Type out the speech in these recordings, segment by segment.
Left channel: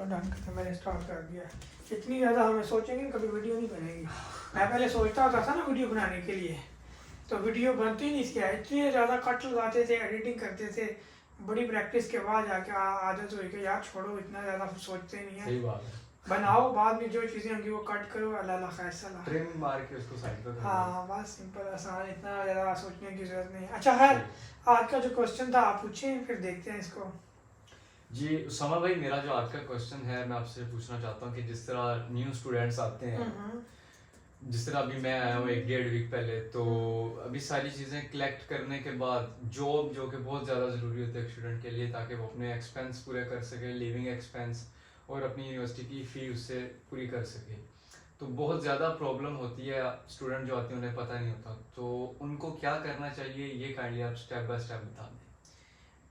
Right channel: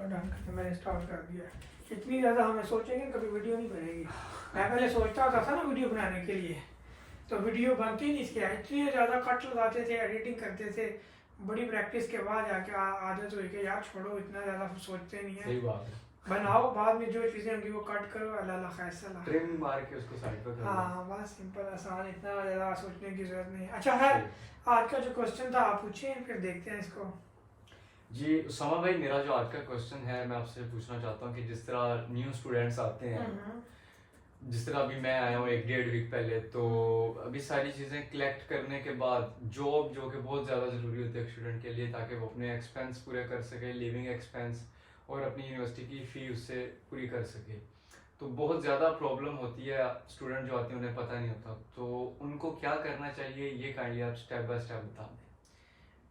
Done करके मैंने start कर दिया। इतनी ज़्यादा हमें सोचेंगे कभी वीडियो नहीं बनेगी। मैं पहले सोचता होता था ना वीडियो बनाने के लिए, तो वीडियो बनती नहीं थी, इतनी ज़्यादा कट लगाते थे, एडिटिंग करते थे। बड़ी प्रैक्टिस के बाद जाके आदत हुई कि यार छोड़ो, इतना ज़्यादा सोचते नहीं है, सही बात है। बनाओ, बाद में जो चीज़ें होंगी वो कट करो, अल्लाह फैसला। ट्रिम मार के उसको साइड पे कर दो। हाँ बस सिंपल आसान, इतना ज़्यादा सोचने की ज़रूरत नहीं है। अच्छा है, आज का जो क्वेश्चन था आप पूछें, फिर देखते हैं इसको। जी उसामा भाई, मेरा जो आज का क्वेश्चन है मैं आपसे पूछना चाहता हूँ कि जिस तरह न्यू स्टूडेंट्स आते हैं, जिस तरह अभी मैं आया हूँ 1-1.5 वीक पहले, तो अभी सारी चीज़ें कलेक्ट करने के बाद जॉब जो कि बहुत ज़्यादा ज़रूरी होती है एक स्टूडेंट के लिए, ताकि वो अपने एक्सपेंस पूरे कर सके, लिविंग एक्सपेंस और अपनी यूनिवर्सिटी की फ़ी उससे पूरी कर सके। तो बहुत ज़्यादा प्रॉब्लम होती है, स्टूडेंट जो आते हैं उन्हें पता नहीं होता, तो उनको क्या करना चाहिए ये काइंडली आप स्टेप बाय स्टेप बता दें।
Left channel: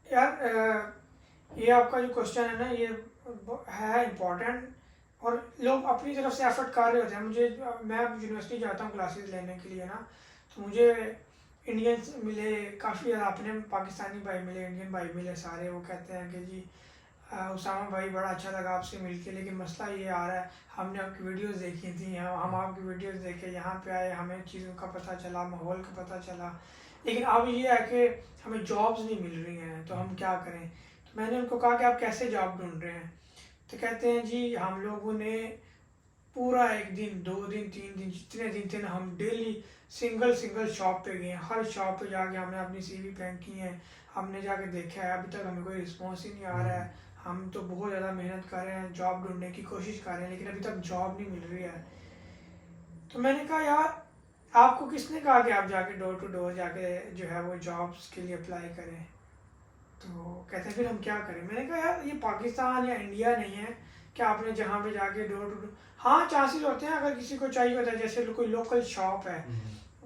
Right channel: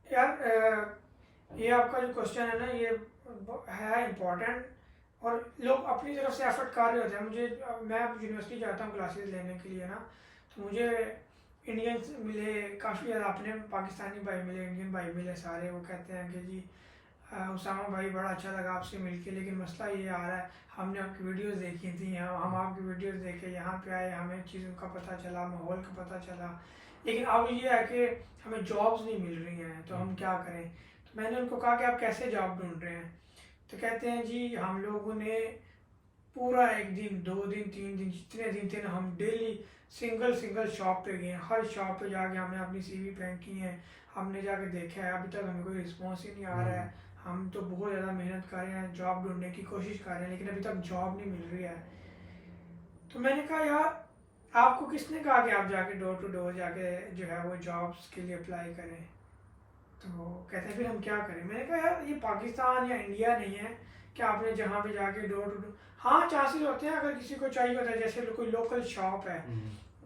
यार ये आपका जो क्वेश्चन है ना, ये है इम्पोर्टेंट, और लोग अपनी तरफ से एफर्ट कर रहे होते हैं। मैं यूनिवर्सिटी जाता हूँ क्लासेस लेने के लिए ना, तो मुझे इंडियंस मिले काफ़ी ज़्यादा, अपने पाकिस्तानी भाई मिले, इंडियन भाई मिले सारे। वो कहते हैं कि जी उसामा भाई बड़ा अच्छा लगा आपसे मिलके, लेकिन मसला ये आ रहा है, हमने आपकी वीडियोस देखी थी, हम आपकी वीडियोस देखे यहाँ पे आए, हमें चीज़ों का पता चला, माहौल का पता चला, लेकिन अब ये है कि हमें जॉब्स नहीं मिल रही हैं, तो हम क्या करें। तो मैंने उनको कहा कि आप कैसे जॉब ढूंढ रहे हैं, तो कहते हैं जी हम लोगों ने पूरा 1 दिन 2 दिन 3 दिन जितने दिन थे ना, हम डेली सिंगल शॉप पे गए, हर शॉप पे जाके हमने अपनी सीवी फेंक की है, हमने जाके देखा है, अभी तक हमें कोई रिस्पॉन्स ही नहीं आ रहा है। हम तो बहुत ज़्यादा मेहनत कर रहे हैं, जॉब ढूंढने की कोशिश कर रहे हैं, लेकिन अभी तक जॉब नहीं मिल रही है। तो मैंने कहा यार आपको किसने कहा कि आप जाके डोर टू डोर जाके जो है वो जॉब्स के लिए अप्लाई करें। तो कहते हैं फिर हम क्या करें। मैंने कहा यार ये पाकिस्तान या इंडिया नहीं है कि आपने जहाँ पे जाके डोर टू डोर, हाँ चांसेस होते हैं अगर किसी को चाहिए होता है, जैसे कोई लोकल शॉप है,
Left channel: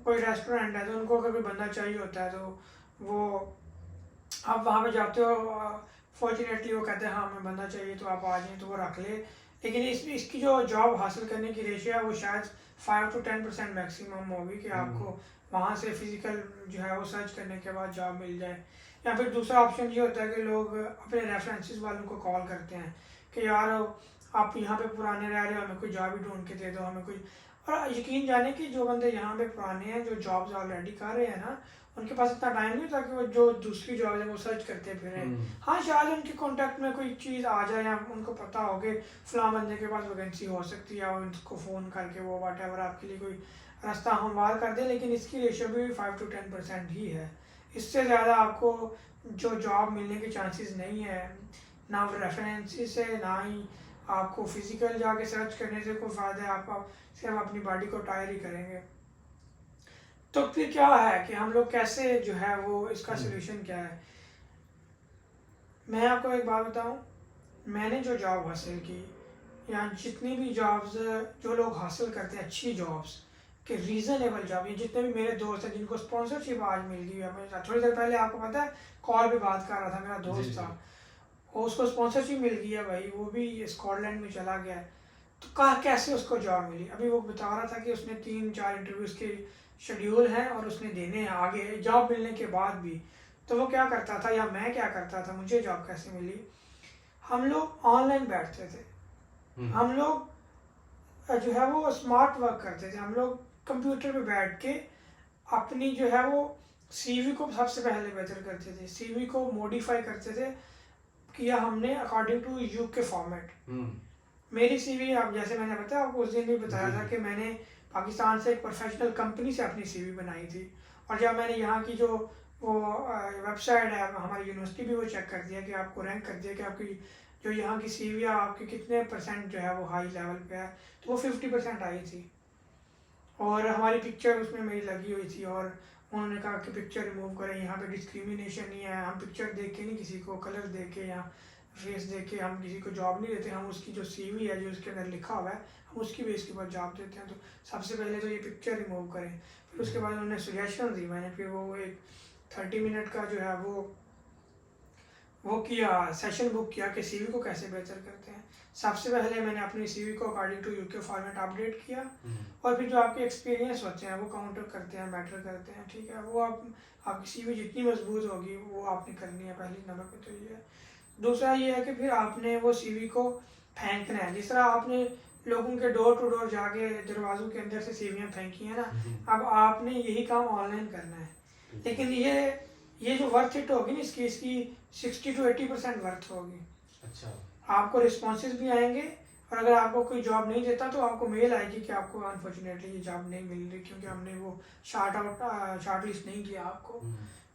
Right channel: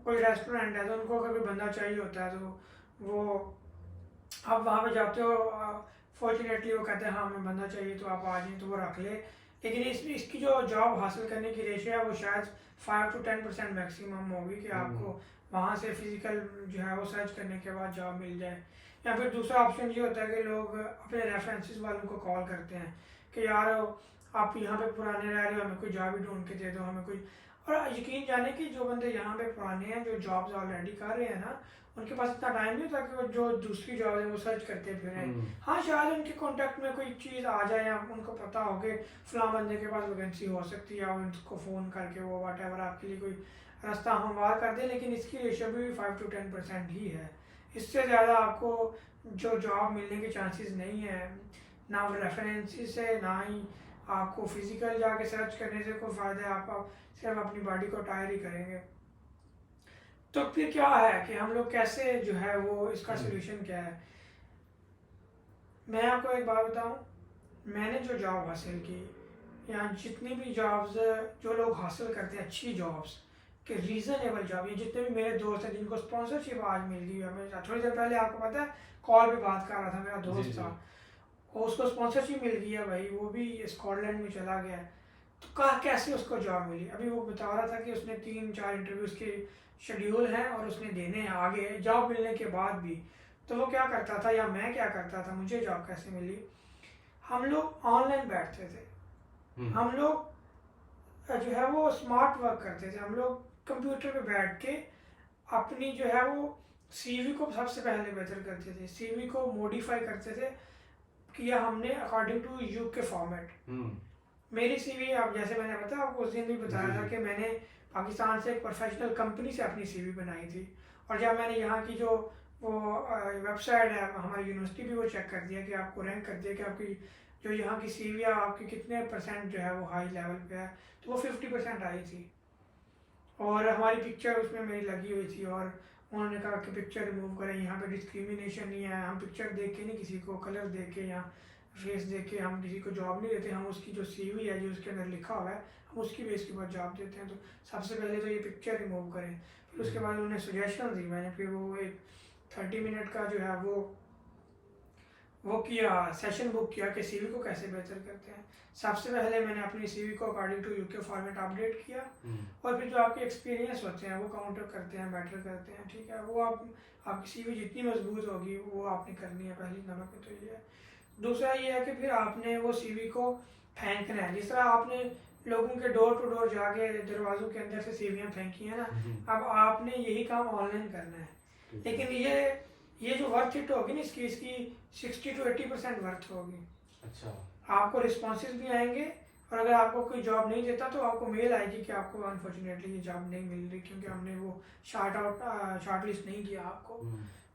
कोई रेस्टोरेंट है, तो उनको अगर कोई बंदा चाहिए होता है, तो वो आप वहाँ पे जाते हो, फॉर्चुनेटली वो कहते हैं हाँ हमें बंदा चाहिए तो आप आ जाएं, तो वो रख ले। लेकिन इसकी जो जॉब हासिल करने की रेशियो है वो शायद 5 to 10% मैक्सिमम होगी कि आपको वहाँ से फिजिकल जो है वो सर्च करने के बाद जॉब मिल जाए। या फिर दूसरा ऑप्शन ये होता है कि लोग अपने रेफरेंसेस वालों को कॉल करते हैं कि यार आप यहाँ पे पुराने रह रहे हो, हमें कोई जॉब ही ढूंढ के दे दो, हमें कोई। और यकीन जाने कि जो बंदे यहाँ पे पुराने हैं, जो जॉब्स ऑलरेडी कर रहे हैं ना, उनके पास इतना टाइम नहीं होता कि वो जो दूसरी जॉब है वो सर्च करते फिरें। हाँ शायद उनके कॉन्टैक्ट में कोई चीज़ आ जाए, या उनको पता हो कि फलां बंदे के पास वैकेंसी हो सकती है, और उनको फ़ोन करके वो वाट एवर आपके लिए कोई रास्ता हमवार कर दे, लेकिन इसकी रेशियो भी 5 to 10% ही है। इससे ज़्यादा आपको जो जॉब मिलने के चांसेस नहीं है, ना वो रेफरेंसेस है, ना ही आपको फिजिकल जाके सर्च करने से कोई फ़ायदा है। आप सिर्फ अपनी बॉडी को टायर ही करेंगे। तो फिर क्या है कि हम लोग कैसे जो है वो इसका सोल्यूशन क्या है। मैं आपको एक बात बताऊं, मैंने जो जॉब हासिल की, या जितनी भी जॉब्स जो लोग हासिल करते हैं अच्छी जॉब्स के रीज़नेबल जॉब, ये जितने भी मेरे दोस्त हैं जिनको स्पॉन्सरशिप आज मिल गई है, मैं थोड़ी देर पहले आपको पता है कॉल पे बात कर रहा था, मेरा दोस्त था, और उसको स्पॉन्सरशिप मिल गई है भाई, वो भी स्कॉटलैंड में चला गया है। तो कहा कैसे उसको जॉब मिली, अभी वो बता रहा था कि उसने 3-4 इंटरव्यूज़ के शेड्यूल हैं और उसने देने हैं आगे जॉब मिलने के बाद भी। तो वो क्या करता था, या मैं क्या करता था, मुझे जॉब कैसे मिली, हम लोग ऑनलाइन बैठते थे, हम लोग जो है वो स्मार्ट वर्क करते थे, हम लोग कंप्यूटर पे बैठ के अपनी जो है वो सीवी को सबसे पहले बेहतर करते थे, सीवी को मॉडिफाई करते थे, किया हमने अकॉर्डिंग टू यूके फॉर्मेट। मेरी सीवी, अब जैसे मैंने बताया आपको उस दिन भी बताया था कि मैंने पाकिस्तान से एक प्रोफेशनल कंपनी से अपनी सीवी बनाई थी, और जब मैंने यहाँ की जो वो वेबसाइट है हमारी यूनिवर्सिटी भी वो चेक कर दिया कि आपको रैंक कर दिया कि आपकी जो यहाँ की सीवी है आपकी कितने % जो है वो हाई लेवल पे है, तो वो 50% आई थी, और हमारी पिक्चर उसमें मेरी लगी हुई थी, और उन्होंने कहा कि पिक्चर रिमूव करें, यहाँ पे डिस्क्रिमिनेशन नहीं है, हम पिक्चर देख के नहीं किसी को कलर देख के या फेस देख के हम किसी को जॉब नहीं देते, हम उसकी जो सीवी है जो उसके अंदर लिखा हुआ है हम उसकी बेस के ऊपर जॉब देते हैं। तो सबसे पहले तो ये पिक्चर रिमूव करें, फिर उसके बाद उन्होंने सजेशन दी, मैंने फिर वो एक 30 मिनट का जो है वो किया, सेशन बुक किया कि सीवी को कैसे बेहतर करते हैं। सबसे पहले मैंने अपनी सीवी को according to UK format update किया, और फिर जो आपके एक्सपीरियंस होते हैं वो काउंटर करते हैं, मैटर करते हैं, ठीक है। वो आपकी सीवी जितनी मजबूत होगी वो आपने करनी है, पहली नंबर पे तो ये है। दूसरा ये है कि फिर आपने वो सीवी को फेंकना है। जिस तरह आपने लोगों के डोर टू डोर जाके दरवाजों के अंदर से सीवियाँ फेंकी हैं ना, अब आपने यही काम ऑनलाइन करना है। लेकिन ये जो वर्थ इट होगी ना इसकी 60 to 80% वर्थ होगी। अच्छा। आपको रिस्पॉन्सेज भी आएंगे, और अगर आपको कोई जॉब नहीं देता तो आपको मेल आएगी कि आपको अनफॉर्चुनेटली ये जॉब नहीं मिल रही क्योंकि हमने वो शॉर्ट लिस्ट नहीं किया आपको।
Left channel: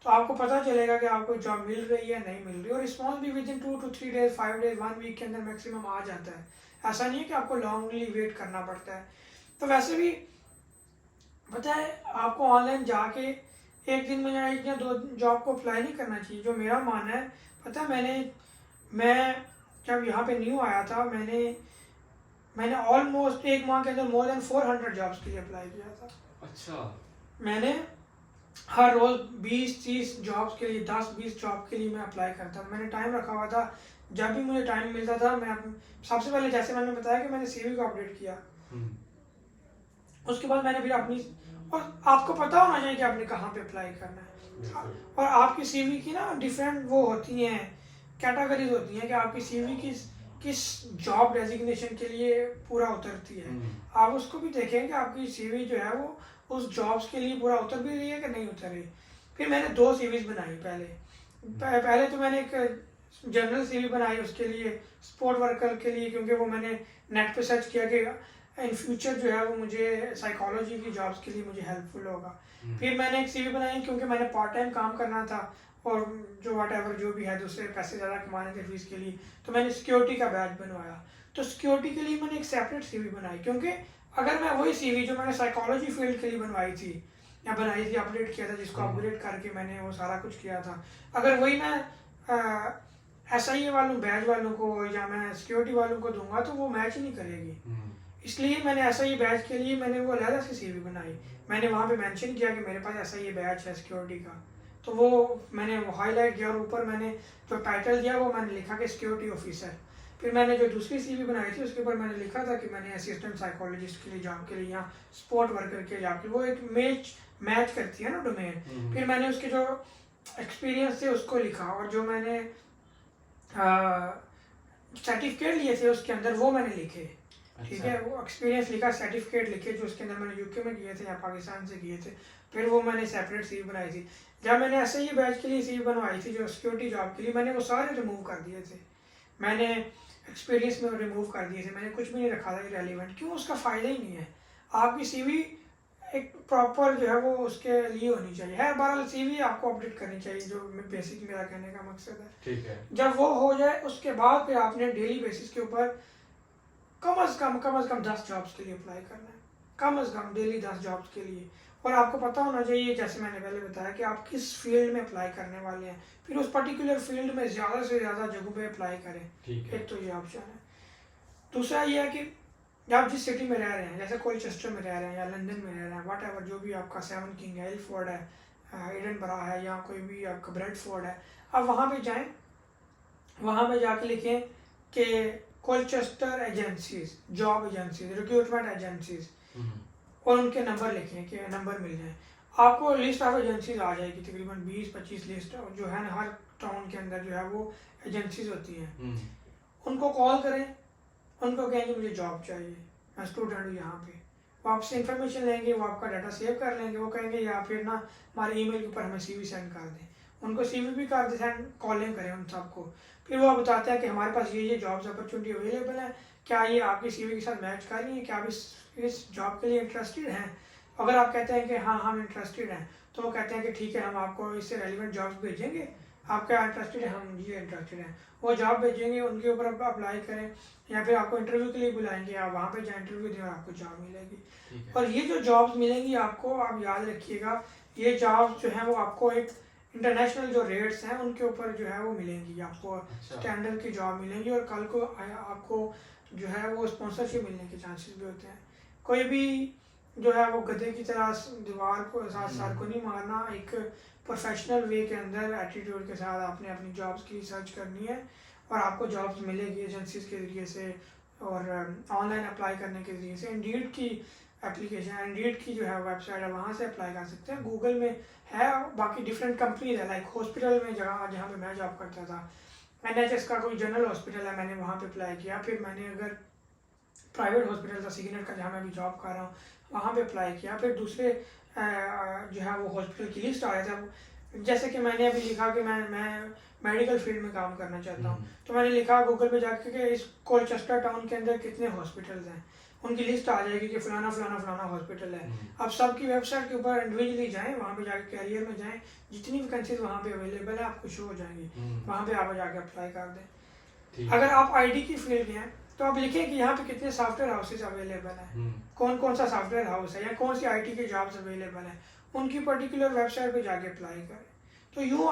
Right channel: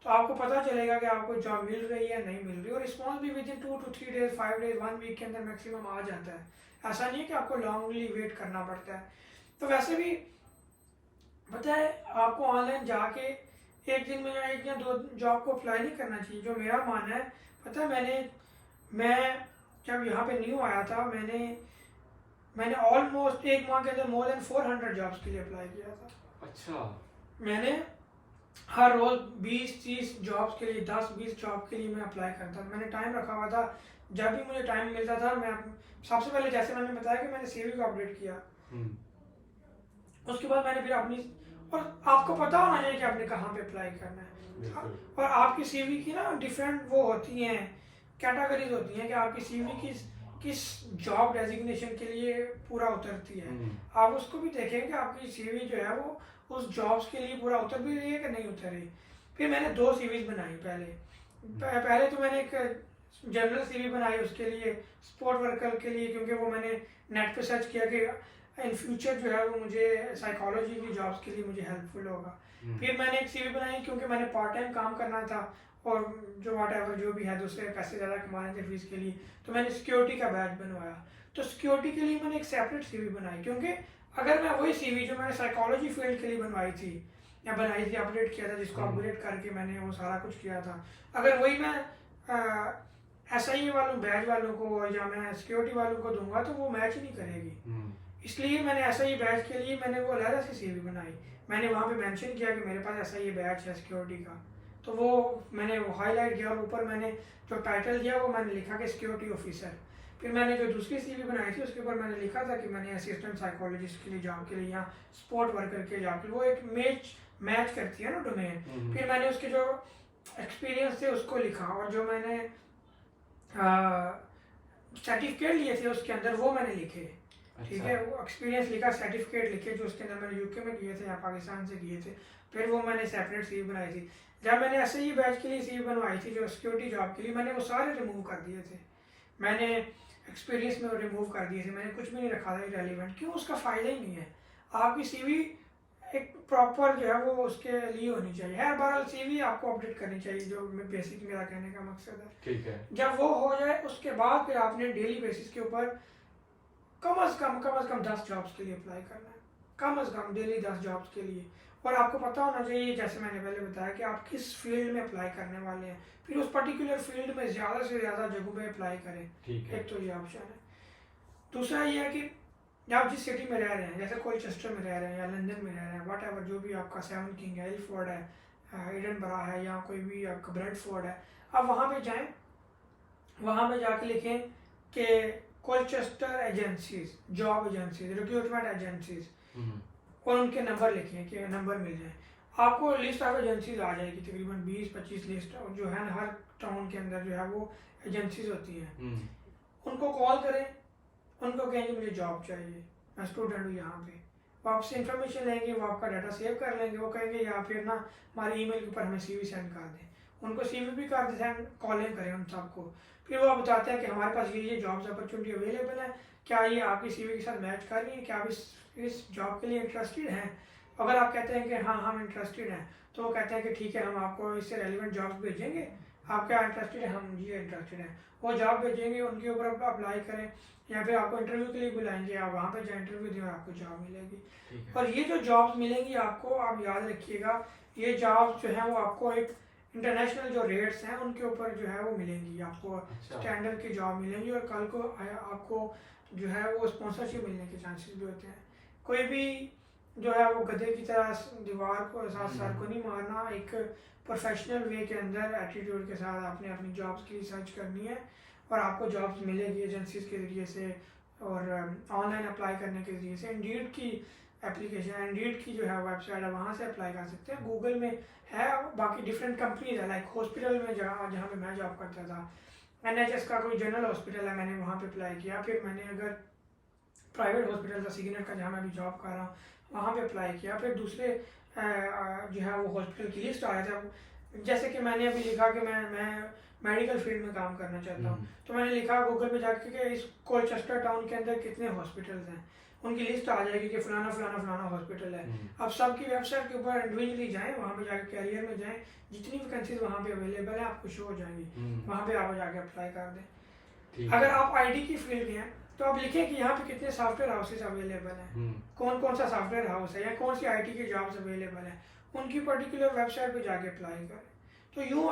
तो आपको पता चलेगा कि आपको जॉब मिल रही है नहीं मिल रही, और रिस्पॉन्स भी within 2 to 3 days 5 days 1 week के अंदर मैक्सिमम आ जाता है। ऐसा नहीं है कि आपको लॉन्गली वेट करना पड़ता है। तो वैसे भी पता है आपको ऑनलाइन जाके एक दिन में या 1 या 2 जॉब को अप्लाई नहीं करना चाहिए। जो मेरा मानना है, पता है मैं जब यहाँ पे न्यू आया था मैंने ऑलमोस्ट 1 माह के अंदर मोर देन 400 जॉब्स के लिए अप्लाई किया था। अच्छा। मैंने हर रोज 20-30 जॉब्स के लिए 10-20 जॉब के लिए मैं अप्लाई करता था। मैंने टाइम रखा हुआ था, जब भी मुझे टाइम मिलता था मैं सबसे पहले जैसे मैंने बताया कि मैंने सीवी को अपडेट किया, उसके बाद मैंने फिर अपनी, और आपको पता होना चाहिए कि आपने कहाँ पे अप्लाई करना है। और आपकी सीवी की ना डिफरेंट वो होती हैं, कैटेगरीज होती हैं कि आपकी सीवी किस जॉब डेजिग्नेशन के लिए पूरा उतरती है। आप उसको भी देखें कि आपकी सीवी जो है वो उस जॉब्स के लिए पूरा उतर भी रही है कि नहीं उतर रही। फिर मैंने 2 सीवीज बनाई। पहले तो मैंने एक जनरल सीवी बनाई उसके लिए, स्पोर्ट वर्कर के लिए, क्योंकि वो मैंने नेट पे सर्च किया कि इन फ्यूचर जो है वो मुझे साइकोलॉजी की जॉब्स के लिए मुझे हेल्पफुल होगा। फिर मैंने एक सीवी बनाई क्योंकि मैंने पार्ट टाइम काम करना था और जो भी है दूसरे पैसे ज़्यादा कमाने थे फीस के लिए, तो मैंने सिक्योरिटी का बैच बनवाया। तो सिक्योरिटी के लिए मैंने एक सेपरेट सीवी बनाई, क्योंकि अगर मैं वही सीवी जो मैंने साइकोलॉजी फील्ड के लिए बनवाई थी अपडेट किया था, जिसको अपग्रेड करके मैंने वो सारा कुछ किया था, अगर वही मैं SIA वालों बैच वालों को या मैं सिक्योरिटी वालों को दूंगा तो वो मैच ही नहीं करेगी। इसलिए मैंने SIA बैच के लिए मैंने वो अलग से सीवी बनाई। मैंने वहाँ पे मेंशन किया कि मेरे पास SIA बैच है सिक्योरिटी का, तो वो मैंने वो हाईलाइट किया और ऊपर मैंने जो टाइटल दिया वो मैंने लिखा कि सिक्योरिटी ऑफिसर। फिर मैंने जो दूसरी सीवी बनाई थी उसके ऊपर मैंने लिखा था कि मैंने असिस्टेंट साइकोलॉजिस्ट के लिए जॉब के लिए या स्पोर्ट वर्कर के जॉब के लिए, वो एक मैच करती है ना डोमेन। फिर मैंने उसके जो एक्सपीरियंस थे उसको लिखा, और जो मैंने सर्टिफिकेट लिए थे उसके अंदर वो मैंने लिखे। ठीक है, वो एक्सपीरियंस लिखा, सर्टिफिकेट लिखे जो उसके अंदर मैंने UK में किए थे या पाकिस्तान से किए थे, फिर वो मैंने सेपरेट सीवी बनाई थी। जब मैंने SIA बैच के लिए सीवी बनवाई थी जो सिक्योरिटी जॉब के लिए, मैंने वो सारे रिमूव कर दिए थे। मैंने एक्सपीरियंस में रिमूव कर दिए थे, मैंने कुछ भी नहीं रखा था इरेलीवेंट। क्यों? उसका फ़ायदा ही नहीं है। आपकी सीवी एक प्रॉपर जो है वो उसके लिए होनी चाहिए। हर बार सीवी आपको अपडेट करनी चाहिए, जो बेसिक मेरा कहने का मकसद है। ठीक है। जब वो हो जाए उसके बाद फिर आपने डेली बेसिस के ऊपर कम से कम 10 जॉब्स के लिए अप्लाई करना है, कम से कम डेली 10 जॉब्स के लिए। और आपको पता होना चाहिए, जैसे मैंने पहले बताया, कि आप किस फील्ड में अप्लाई करने वाले हैं, फिर उस पर्टिकुलर फील्ड में ज़्यादा से ज़्यादा जगहों पे अप्लाई करें। ठीक है। एक तो ये ऑप्शन है। दूसरा ये है कि आप जिस सिटी में रह रहे हैं, जैसे कोलचेस्टर में रह रहे हैं या लंदन में रह रहे हैं, वट एवर जो भी आपका 7 किंग है, इलफोर्ड है, एडनबरा है, या कोई भी आपका ब्रेडफोर्ड है, आप वहाँ पे जाएँ, वहाँ पे जाके लिखें कि Colchester agencies, job agencies, recruitment agencies, और उनके नंबर लिखें कि नंबर मिल जाए। आपको लिस्ट ऑफ एजेंसीज आ जाएगी, तकरीबन 20-25 लिस्ट जो है ना, हर टाउन के अंदर जो है वो एजेंसीज होती हैं। उनको कॉल करें, उनको कहेंगे मुझे जॉब चाहिए, मैं स्टूडेंट हूँ यहाँ पे। वो आपसे इन्फॉर्मेशन लेंगे, वो आपका डाटा सेव कर लेंगे, वो कहेंगे या फिर ना हमारे ईमेल के ऊपर हमें सीवी सेंड कर दें। उनको सीवी भी कर दें, कॉलिंग करें उन सबको। फिर वो बताते हैं कि हमारे पास ये जॉब्स अपॉर्चुनिटी अवेलेबल है, क्या ये आपकी सीवी के साथ मैच कर रही है, क्या आप इस जॉब के लिए इंटरेस्टेड हैं। अगर आप कहते हैं कि हाँ हम इंटरेस्टेड हैं, तो वो कहते हैं कि ठीक है, हम आपको इससे रेलिवेंट जॉब्स भेजेंगे, आप क्या इंटरेस्टेड है, हम जी इंटरेस्टेड हैं। वो जॉब भेजेंगे, उनके ऊपर आप अप्लाई करें, या फिर आपको इंटरव्यू के लिए बुलाएंगे, आप वहाँ पे जाए इंटरव्यू दें और आपको जॉब मिलेगी। और ये जो जॉब्स मिलेंगी आपको, आप याद रखिएगा, ये जॉब्स जो हैं वो आपको एक इंटरनेशनल जो रेट्स हैं उनके ऊपर जो है वो मिलेंगी आपको। स्टैंडर्ड की जॉब मिलेंगी, और कल को आपको जो है वो स्पॉन्सरशिप मिलने के चांसेस भी होते हैं। कोई भी जो है वो गधे की तरह दीवार को साथ सर को नहीं मारना, एक प्रोफेशनल वे के अंदर एटीट्यूड के साथ आपने अपनी जॉब्स की रिसर्च करनी है, और आपको जॉब्स मिलेगी एजेंसीज के ज़रिए से और ऑनलाइन अप्लाई करने के ज़रिए से। इंडीड की एप्लीकेशन, इंडीड की जो है वेबसाइट है, वहाँ से अप्लाई कर सकते हैं। गूगल में है, बाकी डिफरेंट कंपनीज है, लाइक हॉस्पिटल में जहाँ पे मैं जॉब करता था NHS का कोई जनरल हॉस्पिटल है, मैंने वहाँ पे अप्लाई किया। फिर मैंने अगर प्राइवेट हॉस्पिटल था सिग्नल का, जहाँ मैं अभी जॉब कर रहा हूँ, वहाँ पे अप्लाई किया। फिर दूसरे जो है वो हॉस्पिटल की लिस्ट आया था। जैसे कि मैंने अभी लिखा कि मैं मेडिकल फील्ड में काम करना चाहता हूँ, तो मैंने लिखा गूगल पे जाके कि इस कोलचेस्टर टाउन के अंदर कितने हॉस्पिटल्स हैं, उनकी लिस्ट आ जाएगी कि फलाना फलाना फलाना हॉस्पिटल है। अब सबकी वेबसाइट के ऊपर इंडिविजुअली जाएं, वहाँ पे जाके कैरियर में जाएं, जितनी वैकेंसीज वहाँ पे अवेलेबल है आपको शो हो जाएंगी, वहाँ पे आप जाके अप्लाई कर दें। अगर आप IT की फील्ड के हैं तो आप लिखें कि यहाँ पे कितने सॉफ्टवेयर हाउसेज अवेलेबल हैं, कौन कौन सा सॉफ्टवेयर हाउस है या कौन सी IT की जॉब्स अवेलेबल हैं, उनकी पर्टिकुलर वेबसाइट पे जाके अप्लाई करें। तो यूँ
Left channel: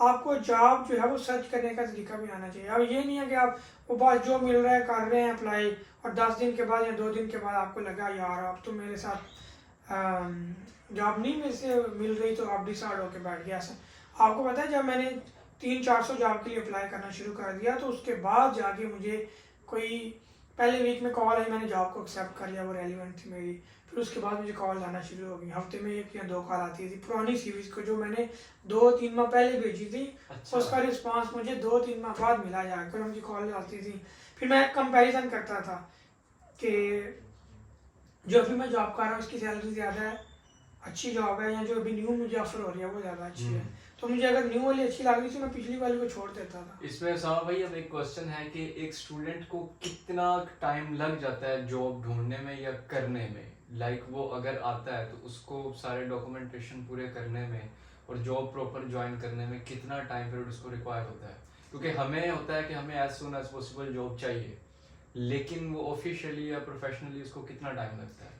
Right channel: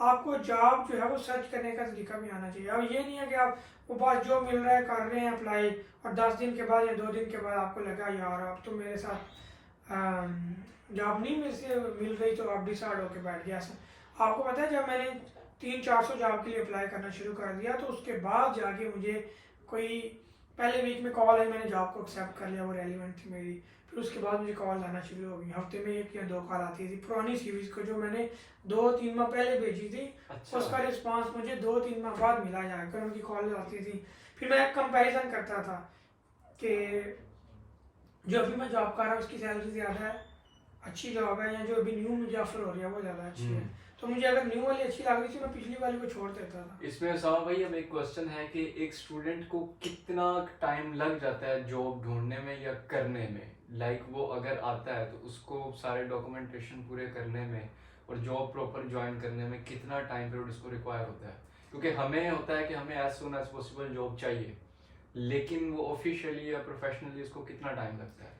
आपको जॉब जो है वो सर्च करने का तरीका भी आना चाहिए। अब ये नहीं है कि आप वो बस जो मिल रहा है कर रहे हैं अप्लाई, और 10 दिन के बाद या 2 दिन के बाद आपको लगा यार अब तो मेरे साथ जॉब नहीं मिल रही, तो आप डिसाइड होकर बैठ गया। आपको पता है जब मैंने 300-400 जॉब के लिए अप्लाई करना शुरू कर दिया, तो उसके बाद जाके मुझे कोई पहले वीक में कॉल आई, मैंने जॉब को एक्सेप्ट कर लिया, वो रेलिवेंट थी मेरी। फिर उसके बाद मुझे कॉल आना शुरू हो गई, हफ्ते में 1 या 2 कॉल आती थी। पुरानी सीरीज को जो मैंने 2-3 माह पहले भेजी थी, उसका रिस्पांस मुझे 2-3 माह बाद मिला जाकर, उनकी कॉल आती थी। फिर मैं कंपैरिजन करता था कि जो अभी मैं जॉब कर रहा हूँ उसकी सैलरी ज़्यादा अच्छी जॉब है, या जो अभी न्यू मुझे ऑफर हो रही है वो ज़्यादा अच्छी है। तो मुझे अगर न्यू वाली अच्छी लग रही थी, मैं पिछली वाली को छोड़ देता था। इसमें उसामा भाई अब एक क्वेश्चन है कि एक स्टूडेंट को कितना टाइम लग जाता है जॉब ढूंढने में या करने में? लाइक वो अगर आता है तो उसको सारे डॉक्यूमेंटेशन पूरे करने में और जॉब प्रॉपर ज्वाइन करने में कितना टाइम पीरियड उसको रिक्वायर होता है? क्योंकि हमें होता है कि हमें as soon as possible job चाहिए, लेकिन वो ऑफिशियली या प्रोफेशनली उसको कितना टाइम लगता है?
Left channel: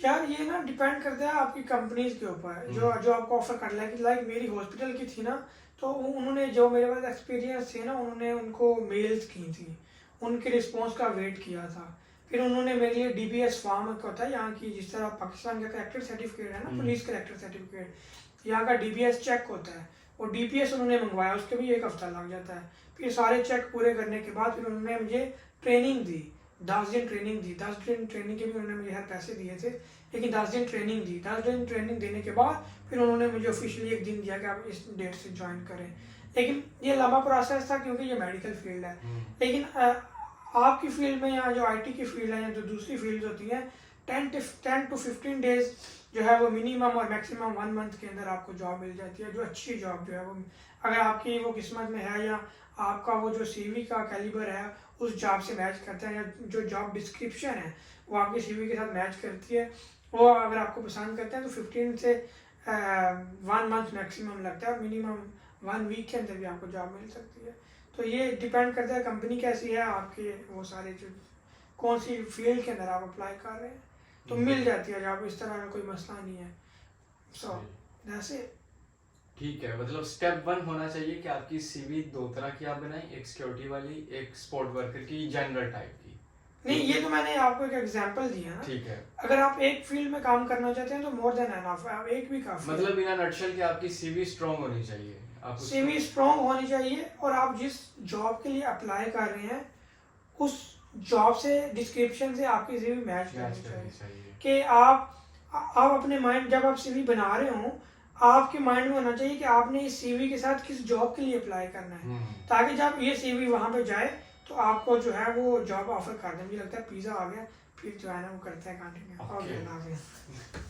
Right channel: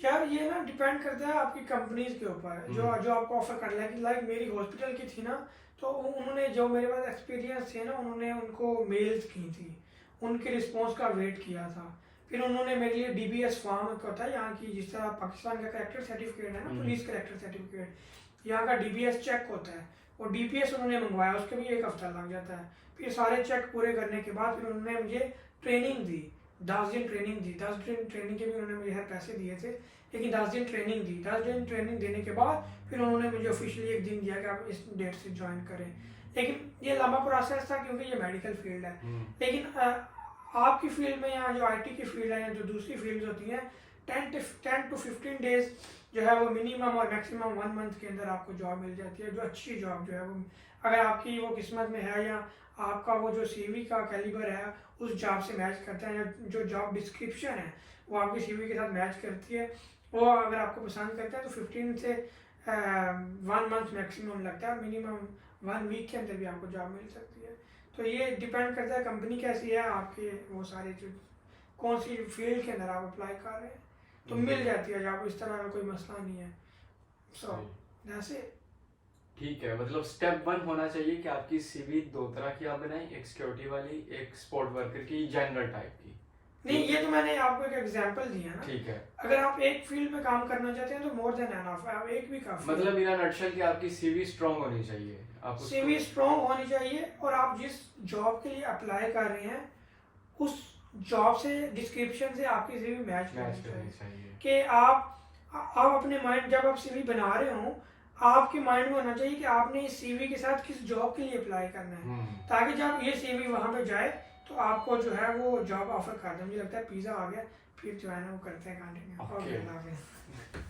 यार ये ना डिपेंड करता है आपकी कंपनीज के ऊपर, जो आपको ऑफर कर रहा है। कि लाइक मेरी हॉस्पिटल की थी ना, तो उन्होंने जो मेरे पास एक्सपीरियंस थे ना, उन्होंने उनको मेल्स की थी, उनके रिस्पॉन्स का वेट किया था। फिर उन्होंने मेरे लिए DBS फॉर्म होता है यहाँ की, जिस तरह पाकिस्तान का करेक्टर सर्टिफिकेट है ना, पुलिस करेक्टर सर्टिफिकेट, यहाँ का DBS चेक होता है, और DPS उन्होंने मंगवाया, उसके भी 1 हफ्ता लग जाता है। फिर सारे चेक पूरे करने के बाद फिर उन्होंने मुझे ट्रेनिंग दी, 10 दिन ट्रेनिंग दी। 10 दिन ट्रेनिंग के भी उन्होंने मुझे हर पैसे दिए थे, लेकिन 10 दिन ट्रेनिंग दी। 10 दिन ट्रेनिंग देने के बाद फिर उन्होंने मुझे ऑफिशियली 1 दिन दिया कि आप इस डेट से ज्वाइन करें। लेकिन ये लंबा प्रोसेस था क्योंकि ये मेडिकल फील्ड है। लेकिन आपकी फील्ड में या जो IT की फील्ड है या जो दूसरी फील्ड होती हैं, 10 to 15 डेज जो है वो मिनिमम और मैक्सिमम 1 मंथ के अंदर आपको जॉब मिल जाती है। जो अच्छी जॉब जो है वो, अगर आपकी वो किस्मत में है या आपका वो जो CV का कैलिबर है उस जॉब से मैच करता है, या जो जॉब डिस्क्रिप्शन है वो आपकी CV के साथ मैच करती है, वो अगर आपको पसंद करते हैं, तो 15 से 1 मंथ मैक्सिमम लगता है। मिनिमम 1 वीक के अंदर भी आपको जॉब मिल सकती है। तो ये डिपेंड करता है कंपनी कैसी है, आपके वो सारे जो कौन सी फील्ड के अंदर आप अप्लाई कर रहे हैं, तो मिल जाती है जॉब, इस तरह का कोई मसला नहीं है। So that's it. ठीक है, मतलब स्टेप 1 होना चाहिए कि आपकी CV 2 तरह की आप बनाएं, एक सिक्योरिटी वाली, एक स्पोर्ट वर्कर की, जनरल टाइप की। नहीं, ये तो मैंने आपको एक एग्जांपल दिया ना। ठीक है, अगर आप एक फील्ड में काम करना चाहते हैं तो मोर देन एनफ, आप एक भी काफी है। मतलब इन अ नटशेल कि आपकी CV स्ट्रांग होनी चाहिए, आप CV स्ट्रांग होनी चाहिए, और आप जिस जॉब के लिए अप्लाई कर रहे हैं उस जॉब से डिस्क्रिप्शन से आपकी CV मैच करनी चाहिए। कि आप अपने माइंड, जब आप CV बना रहे हो, आपके माइंड में होना चाहिए कि आपने इस CV के साथ किस जॉब के लिए अप्लाई करना है, ताकि जब ये CV वहाँ पे जाए तो आपको जो है वो जॉब ऑफर कर दें। मुझे लगता है पिज़्ज़ा आ गया, फिर जो है ना वो करते हैं कंटिन्यू। ओके।